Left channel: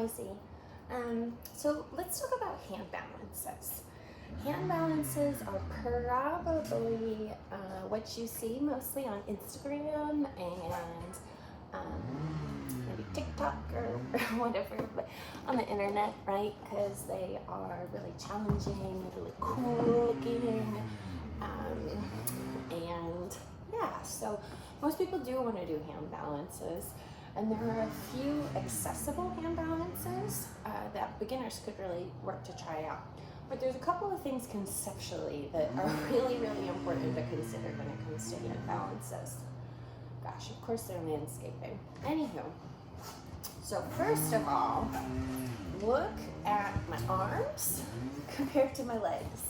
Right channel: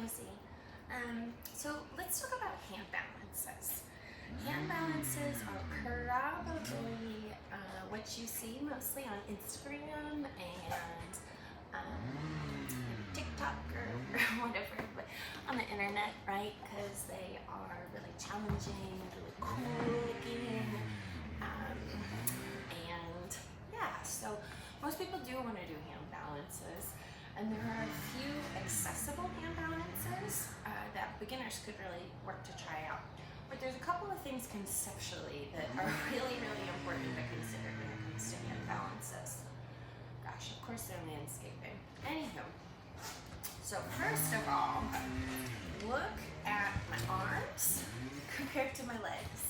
noisy. So let's talk about hand balances. Hand balances are probably what you see mostly on Instagram and maybe TikTok or whatever, but on the internet, right? Because they are really challenging, really cool looking, and yeah, so most people do want to do hand balances. And there are a few accessible hand balances that beginners could really work to try out. But there's a couple of things conceptually that are really, really important to consider when it comes to hand balances. Gosh, of course they're landscaping. Anywho, so first of all, look at my arms compared to my legs.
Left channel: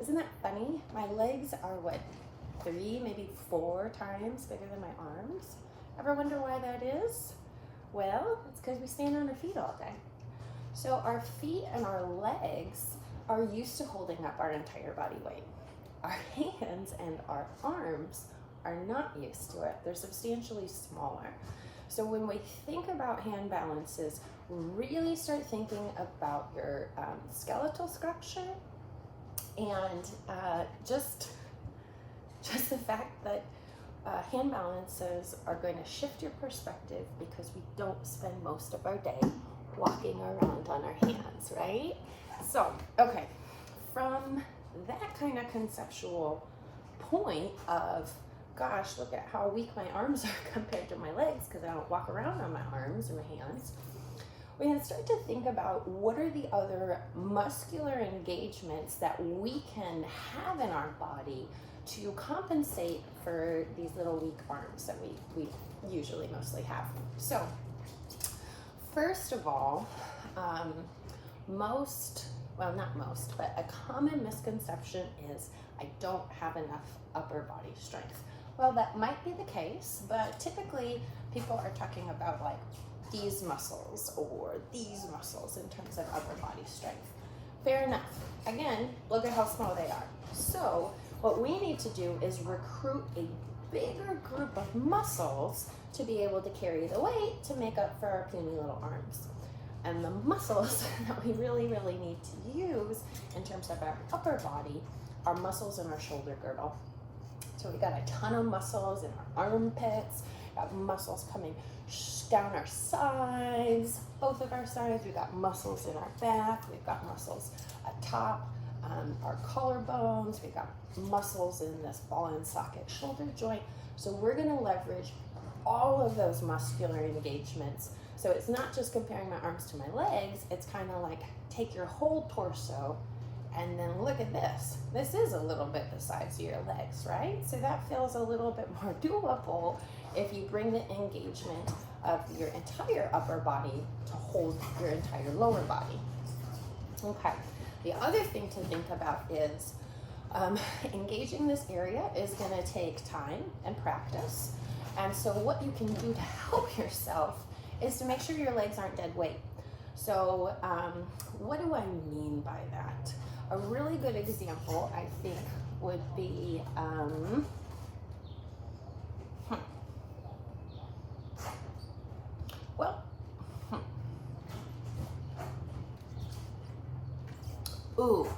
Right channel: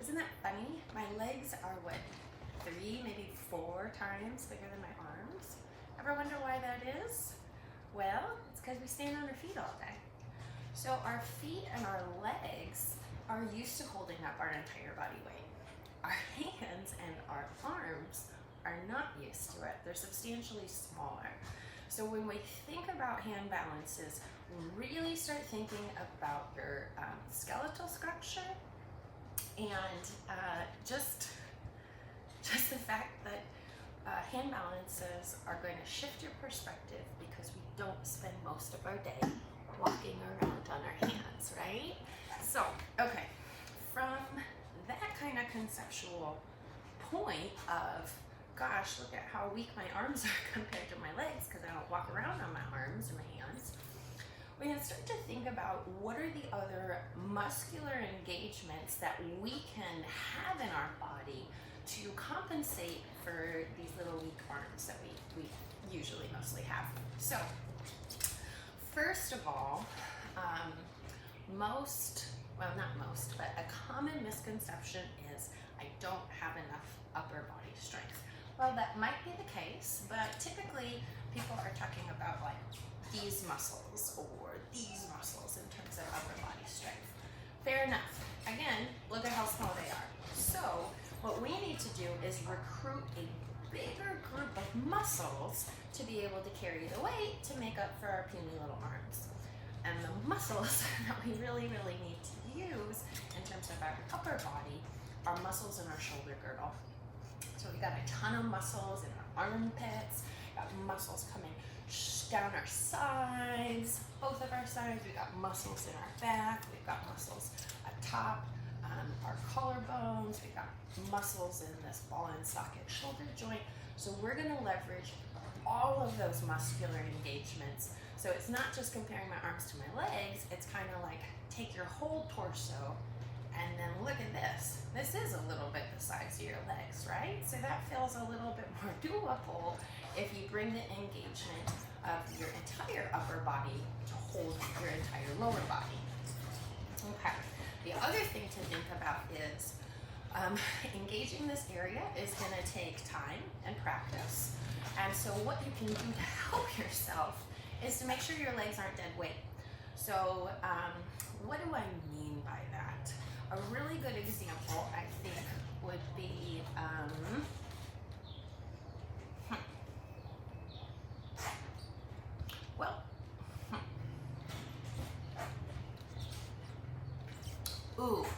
Isn't that funny? My legs are what, 3, maybe 4 times bigger than my arms? Ever wonder why that is? Well, it's because we stand on our feet all day. So our feet and our legs are used to holding up our entire body weight. Our hands and our arms are not used to it. They're substantially smaller. So when we think about hand balances, really start thinking about your skeletal structure and just the fact that hand balances are going to shift your perspective because we don't spend most of our day walking around on our hands, right? So, okay, from that kind of conceptual point of, gosh, look at how weak my arms are compared to my legs because I don't walk around on my arms and my hands, we can start to think about what are the other muscular engagements that we can have in our body to compensate for these little weak arms that we usually mostly have. So first of all, not most, but a common misconception is I don't have enough upper body strength. Well, that might be the case, but typically people are talking about like these muscles or these muscles in terms of upper body strength. Fair enough. Again, look at how small they are. So what we need to do is recruit a bigger group of muscles to be able to carry the weight to make up for our puny little arms. And the muscles that we really, really need to use in terms of our upper body are muscles in our shoulder girdle. So we got a ton of muscles in our armpits, got muscles coming down our sides, both of our sides. We've got muscles in our back, we've got muscles atop our collarbones, we've got muscles in this ball and socket shoulder joint. So we're gonna leverage all of those muscular engagements. So it's not just comparing my arms to my legs, it's kind of like take your whole torso and then look at this. This is a little bit the size of your legs, right? So that feels a little bit more doable if you bring the engagement of your entire upper body to hold your entire lower body. Okay, the other thing to think about is engaging this area is gonna take time and practice. And so what you can do to help yourself is to make sure your legs aren't dead weight. So what do I mean by that? A really good example, I think, would be,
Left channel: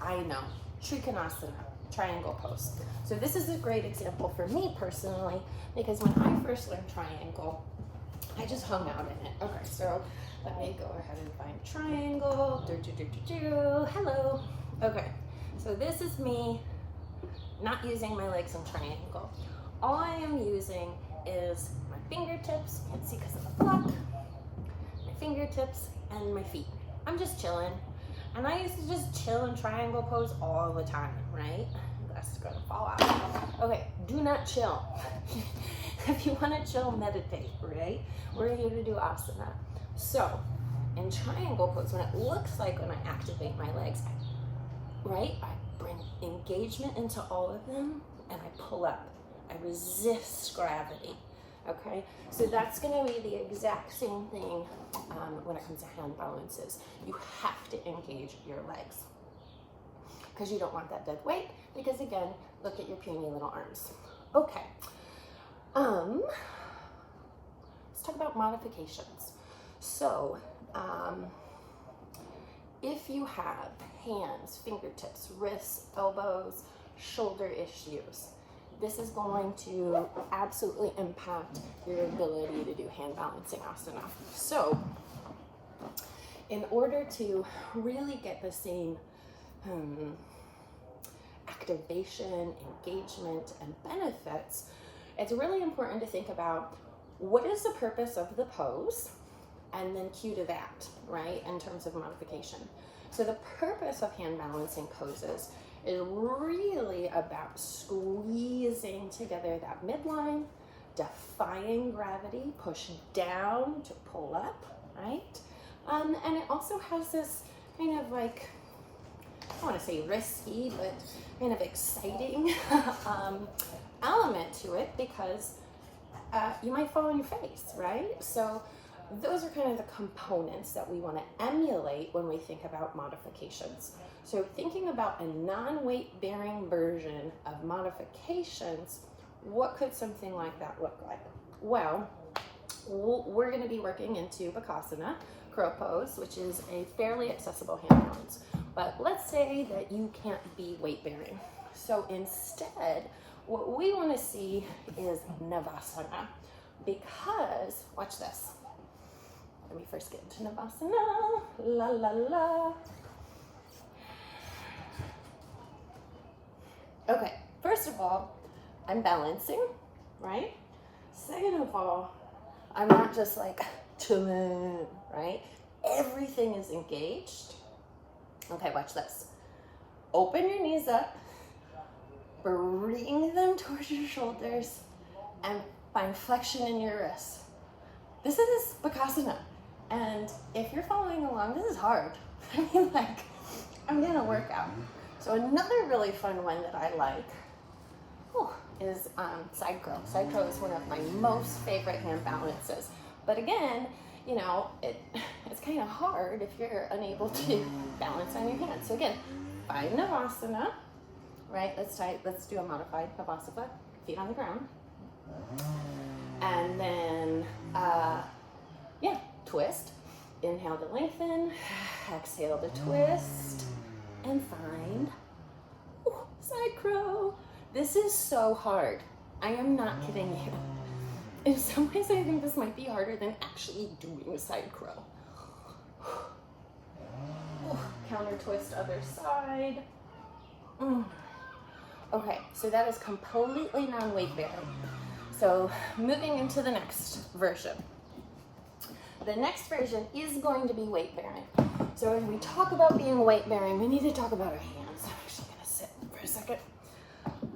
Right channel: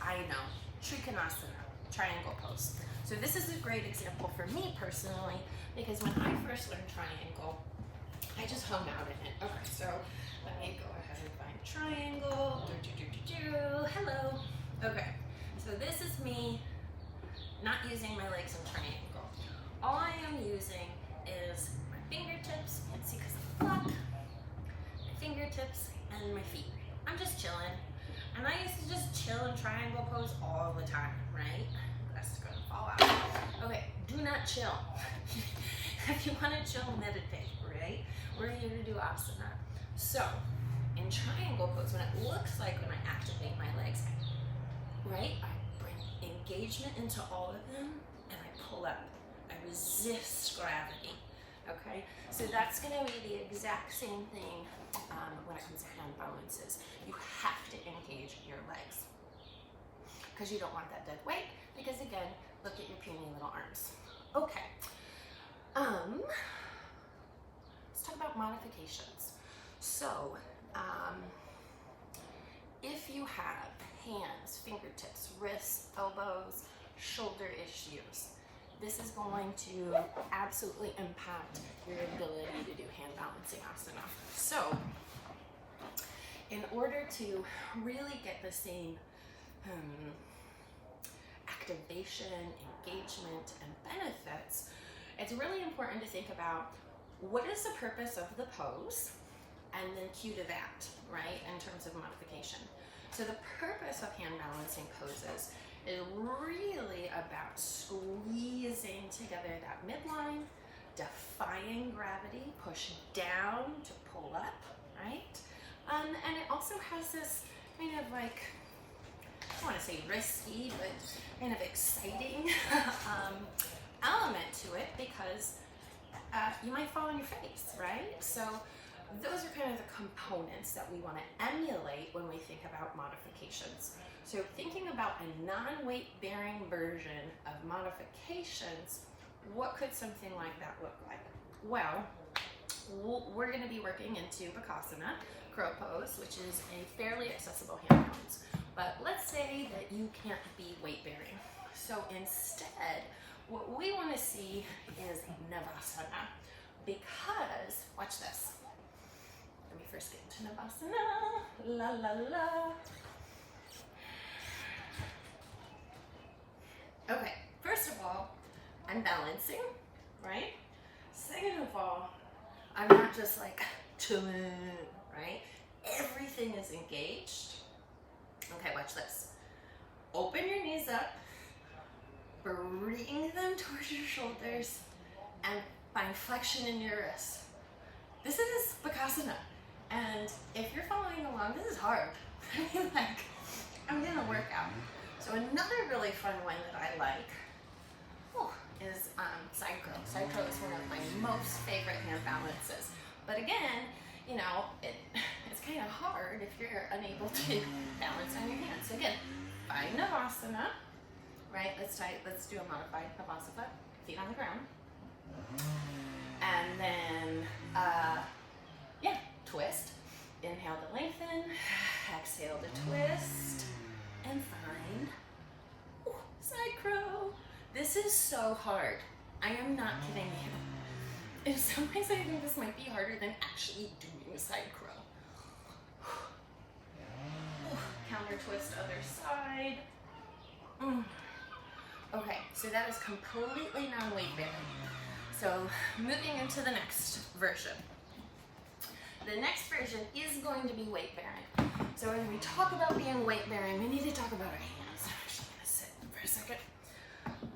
I know, Trikonasana, triangle pose. So this is a great example for me personally, because when I first learned triangle, I just hung out in it. Okay, so let me go ahead and find triangle. Hello. Okay, so this is me not using my legs in triangle. All I am using is my fingertips, you can see because of the block, my fingertips and my feet. I'm just chilling. And I used to just chill in triangle pose all the time, right? That's gonna fall out. Okay, do not chill. If you wanna chill, meditate, right? We're here to do asana. So, in triangle pose, when it looks like when I activate my legs, right? I bring engagement into all of them and I pull up. I resist gravity, okay? So that's gonna be the exact same thing when it comes to hand balances. You have to engage your legs because you don't want that dead weight, because again, look at your puny little arms. Okay, let's talk about modifications. So If you have hands, fingertips, wrists, elbows, shoulder issues, this is going to absolutely impact your ability to do hand balancing asana. So, in order to really get the same activation, engagement, and benefits, it's really important to think about what is the purpose of the pose, and then cue to that, right, in terms of modification. So the purpose of hand balancing poses is really about squeezing together that midline, defying gravity, push down to pull up, right? And it also has this kind of like, I want to say risky, but kind of exciting element to it, because you might fall on your face, right? So those are kind of the components that we want to emulate when we think about modifications. So thinking about a non-weight bearing version of modifications, what could something like that look like? Well, we're going to be working into Bakasana, crow pose, which is a fairly accessible hand balance. But let's say that you can't be weight bearing. So instead, what we want to see is Navasana, because, watch this. Let me first get into Navasana, la la la. Okay, first of all, I'm balancing, right? Second of all, I'm not just like chilling, right? Everything is engaged. Okay, watch this. Open your knees up, bring them towards your shoulders, and find flexion in your wrists. This is Bakasana. And if you're following along, this is hard. I mean, like, I'm gonna work out. So another really fun one that I like is side crow. Side crow is one of my most favorite hand balances. But again, you know, it's kind of hard if you're unable to balance on your hands. So again, find Navasana, right? Let's do a modified Navasana, feet on the ground. And then, twist. Inhale to lengthen, exhale to twist, and find side crow. This is so hard. I am not kidding you. In some ways, I think this might be harder than actually doing side crow. Counter twist, other side. Okay, so that is completely non-weight bearing. So moving into the next version. The next version is going to be weight bearing. So as we talk about being weight bearing, we need to talk about our hands. I'm actually gonna sit for a second.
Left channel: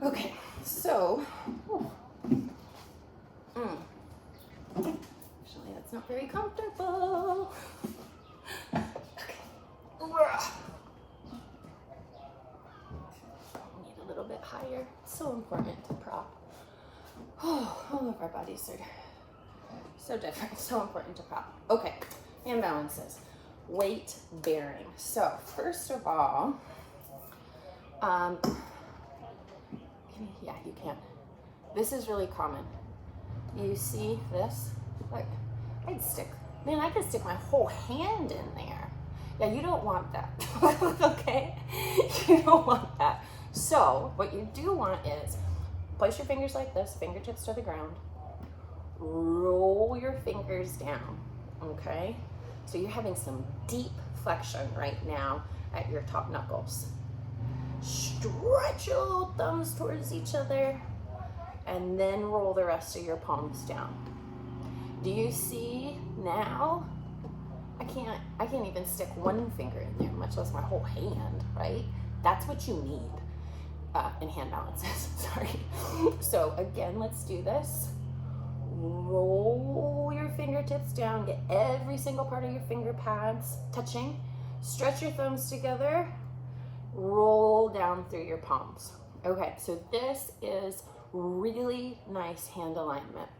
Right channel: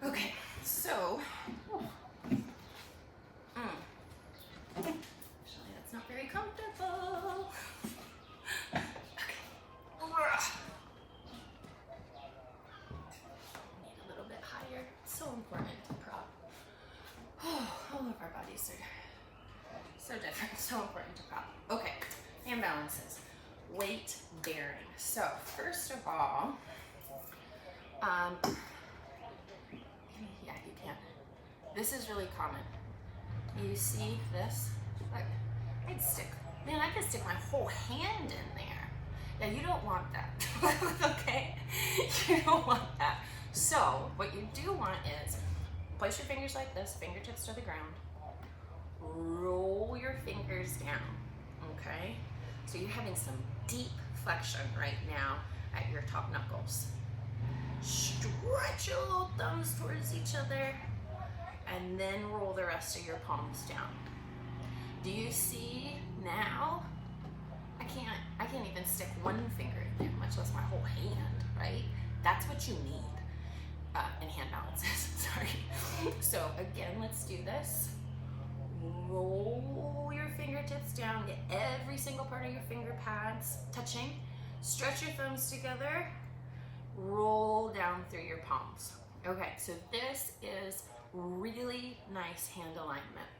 Okay, so, actually that's not very comfortable. Okay. Need a little bit higher. It's so important to prop. Oh, all of our bodies are so different, so important to prop. Okay, hand balances, weight bearing. So first of all, yeah, you can. This is really common. You see this? Look, I could stick my whole hand in there. Yeah, you don't want that, okay? You don't want that. So what you do want is place your fingers like this, fingertips to the ground. Roll your fingers down, okay? So you're having some deep flexion right now at your top knuckles. Stretch your little thumbs towards each other, and then roll the rest of your palms down. Do you see now? I can't even stick one finger in there, much less my whole hand, right? That's what you need in hand balances, sorry. So again, let's do this. Roll your fingertips down, get every single part of your finger pads touching. Stretch your thumbs together, roll down through your palms. Okay, so this is really nice hand alignment.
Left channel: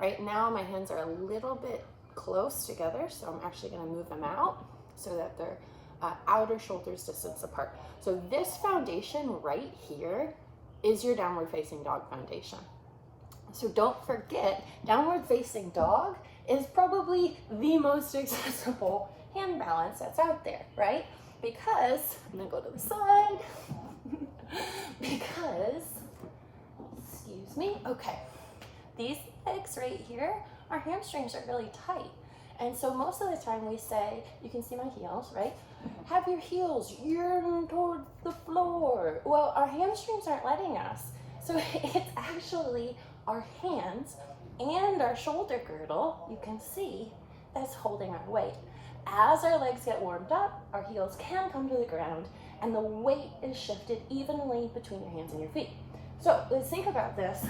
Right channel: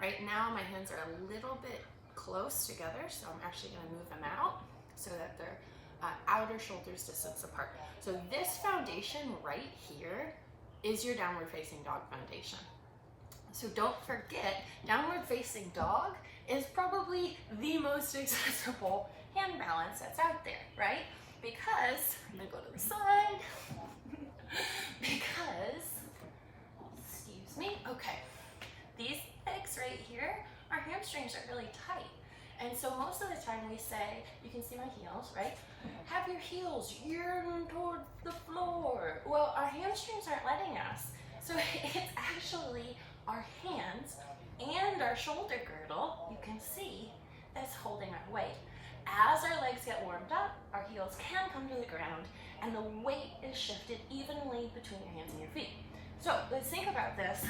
Right now my hands are a little bit close together, so I'm actually going to move them out so that they're outer shoulders distance apart. So this foundation right here is your downward facing dog foundation. So don't forget, downward facing dog is probably the most accessible hand balance that's out there, right? Because, I'm gonna go to the side, because, excuse me, okay, these legs right here, our hamstrings are really tight. And so most of the time we say, you can see my heels, right? Have your heels yearn towards the floor. Well, our hamstrings aren't letting us. So it's actually our hands and our shoulder girdle, you can see, that's holding our weight. As our legs get warmed up, our heels can come to the ground and the weight is shifted evenly between your hands and your feet. So let's think about this.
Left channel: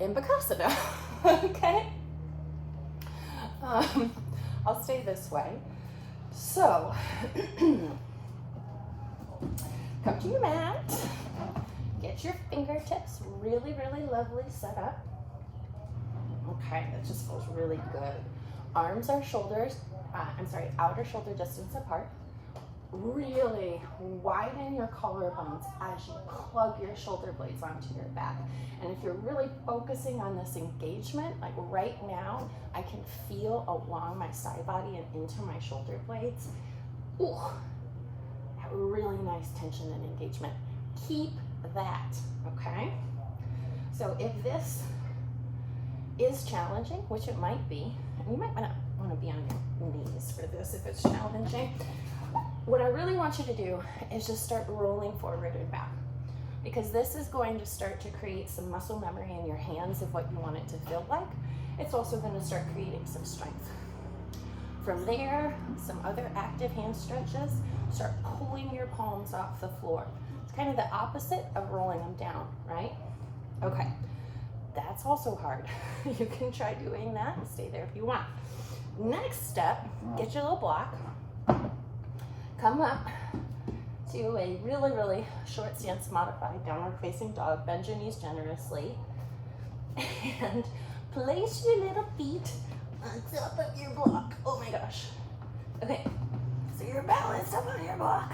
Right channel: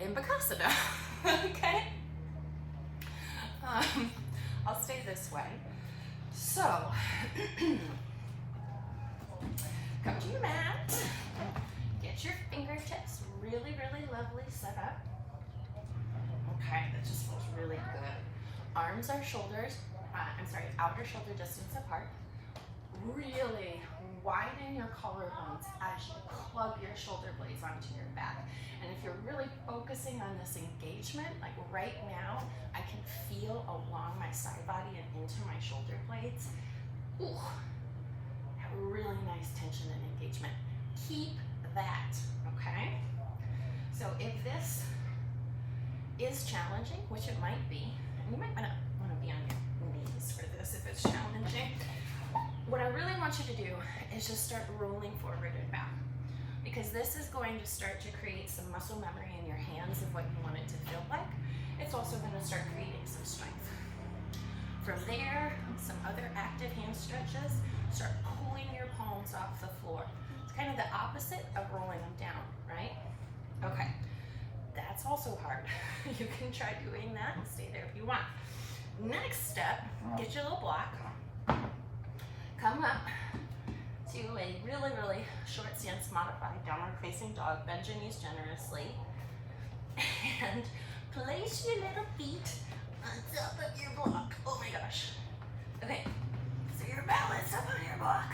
In Bakasana, okay? I'll stay this way. So, come to your mat, get your fingertips really, really lovely set up. Okay, that just feels really good. Arms are shoulders, outer shoulder distance apart. Really widen your collarbones as you plug your shoulder blades onto your back. And if you're really focusing on this engagement, like right now, I can feel along my side body and into my shoulder blades. Ooh, that really nice tension and engagement. Keep that, okay? So if this is challenging, which it might be, and you might want to be on your knees for this if it's challenging, what I really want you to do is just start rolling forward and back, because this is going to start to create some muscle memory in your hands of what you want it to feel like. It's also going to start creating some strength. From there, some other active hand stretches, start pulling your palms off the floor. It's kind of the opposite of rolling them down, right? Okay, that's also hard. You can try doing that and stay there if you want. Next step, get your little block. Come up to a really, really short stance modified downward facing dog. Bend your knees generously and place your little feet on top of your block. Oh my gosh. Okay, so you're balanced up on your block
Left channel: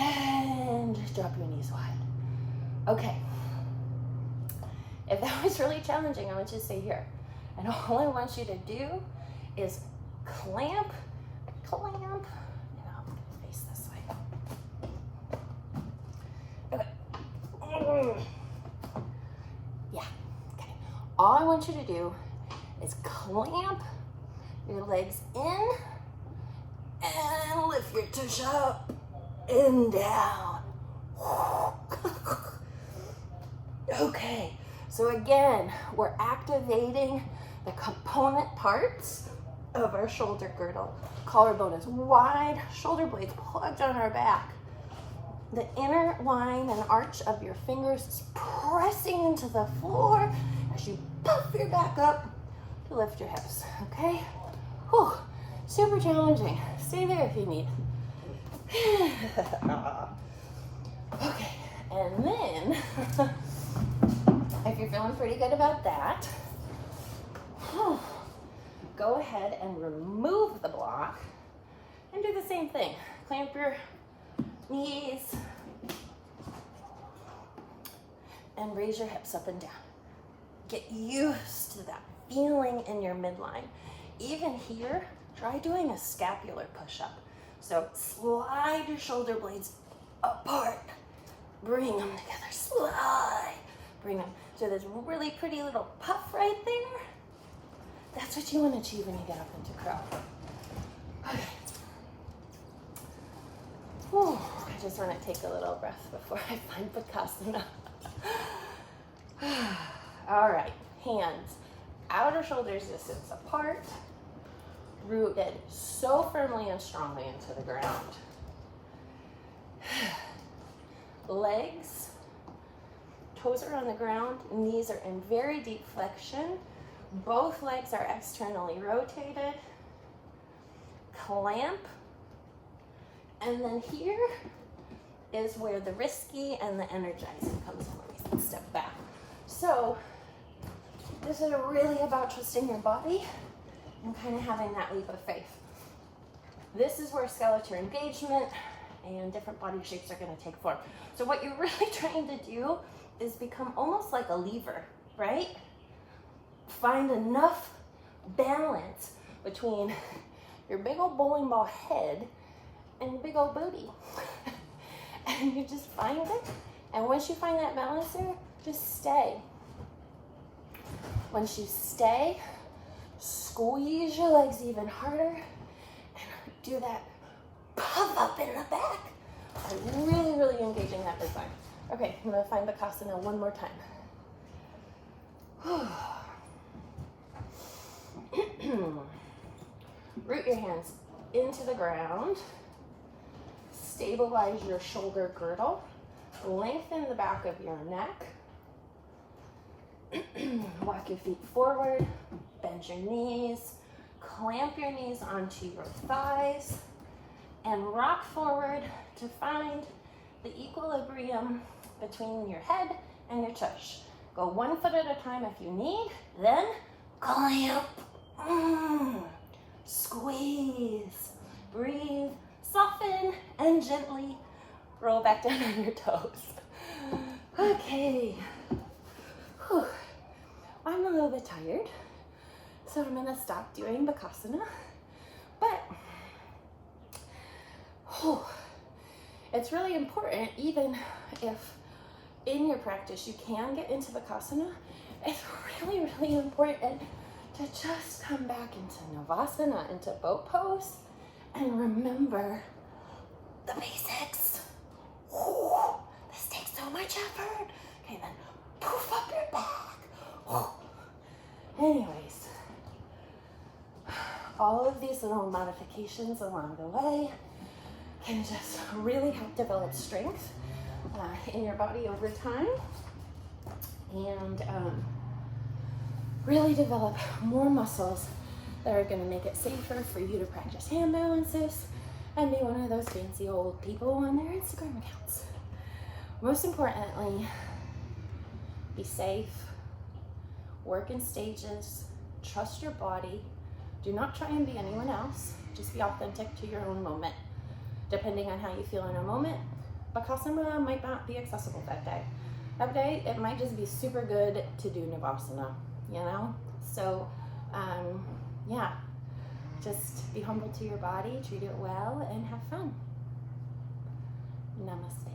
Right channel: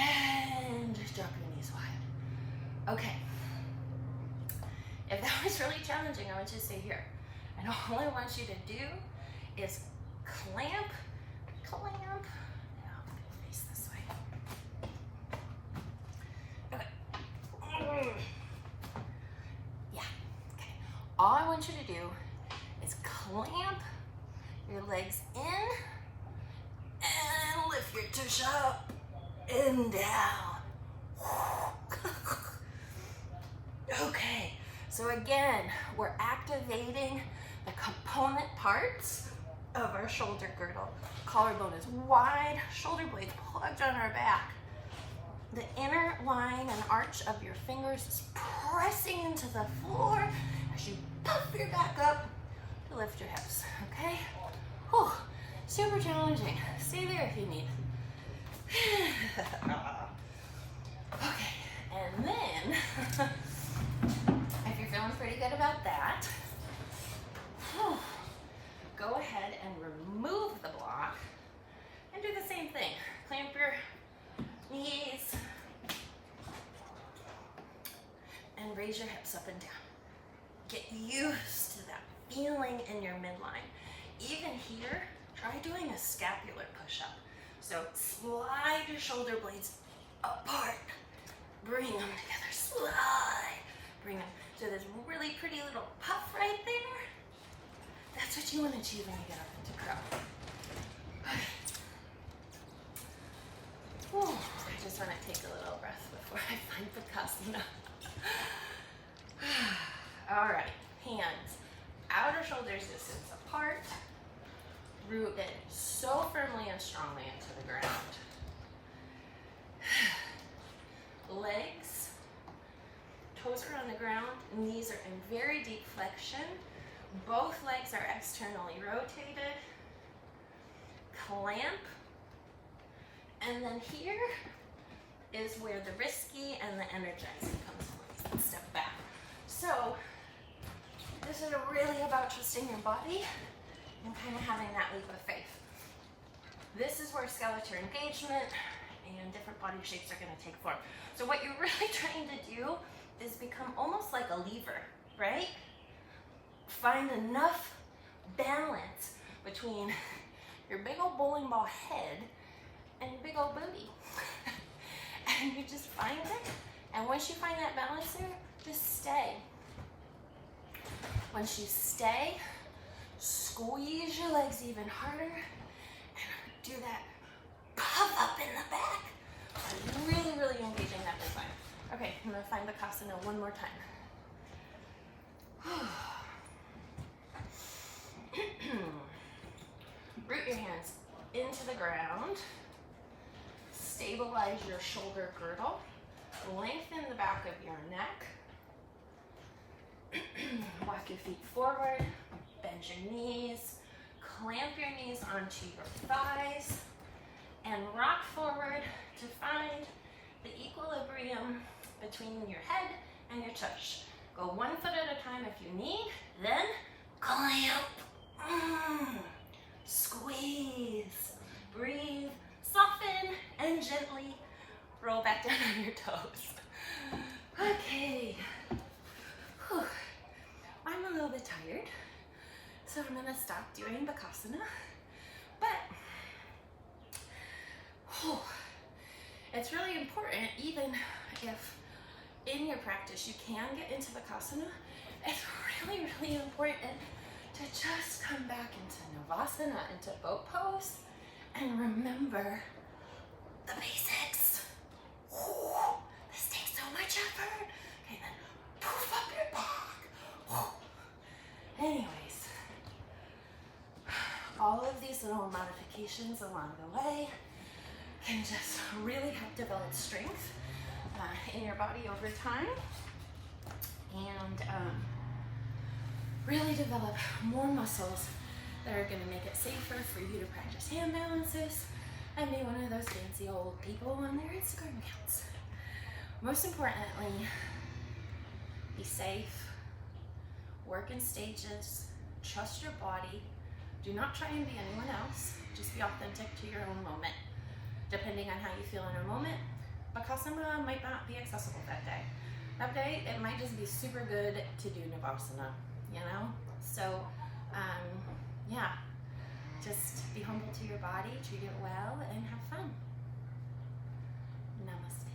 and drop your knees wide. Okay, if that was really challenging, I want you to stay here. And all I want you to do is clamp. Yeah, okay. All I want you to do is clamp your legs in and lift your tush up and down. Okay, so again, we're activating the component parts of our shoulder girdle. Collarbone is wide, shoulder blades plugged on our back. The inner line and arch of your fingers is pressing into the floor as you puff your back up to lift your hips, okay? Whew, super challenging. Stay there if you need. Okay, and then, if you're feeling pretty good about that, go ahead and remove the block and do the same thing. Clamp your knees and raise your hips up and down. Get used to that feeling in your midline. Even here, try doing a scapular push-up. So slide your shoulder blades apart, bring them together, slide, bring them. So there's a really pretty little puff right there. That's what you want to achieve when you get up into crow. Okay. Whew, I just want to take a little breath before I find Bakasana. All right, hands, outer shoulders distance apart, rooted so firmly and strongly into the ground. Legs, toes are on the ground, knees are in very deep flexion. Both legs are externally rotated. Clamp. And then here is where the risky and the energizing comes in. Step back. So this is really about trusting your body and kind of having that leap of faith. This is where skeletal engagement and different body shapes are going to take form. So what you're really trying to do is become almost like a lever, right? Find enough balance between your big old bowling ball head and your big old booty. And you just find it. And once you find that balance there, just stay. Once you stay, squeeze your legs even harder and do that puff up in the back. I'm really, really engaging that big spine. Okay, I'm gonna find Bakasana one more time. Root your hands into the ground. Stabilize your shoulder girdle. Lengthen the back of your neck. Walk your feet forward. Bend your knees. Clamp your knees onto your thighs. And rock forward to find the equilibrium between your head and your tush. Go 1 foot at a time if you need, then clamp. Squeeze. Breathe. Soften and gently roll back down on your toes. Okay. Whew. I'm a little bit tired, so I'm gonna stop doing Bakasana. But it's really important, even if in your practice you can get into Bakasana, it's really, really important to just come back into Navasana, into boat pose, and remember the basics. This takes so much effort. Okay, then poof up your back. Anyways, all of these little modifications along the way can just really help develop strength in your body over time, and really develop more muscles that are going to make it safer for you to practice hand balances and be one of those fancy old people on their Instagram accounts. Most importantly, be safe, work in stages, trust your body, do not try and be anyone else, just be authentic to your own moment. Depending on how you feel in a moment, Bakasana might not be accessible that day. That day, it might just be super good to do Navasana, you know? So, yeah, just be humble to your body, treat it well, and have fun. Namaste.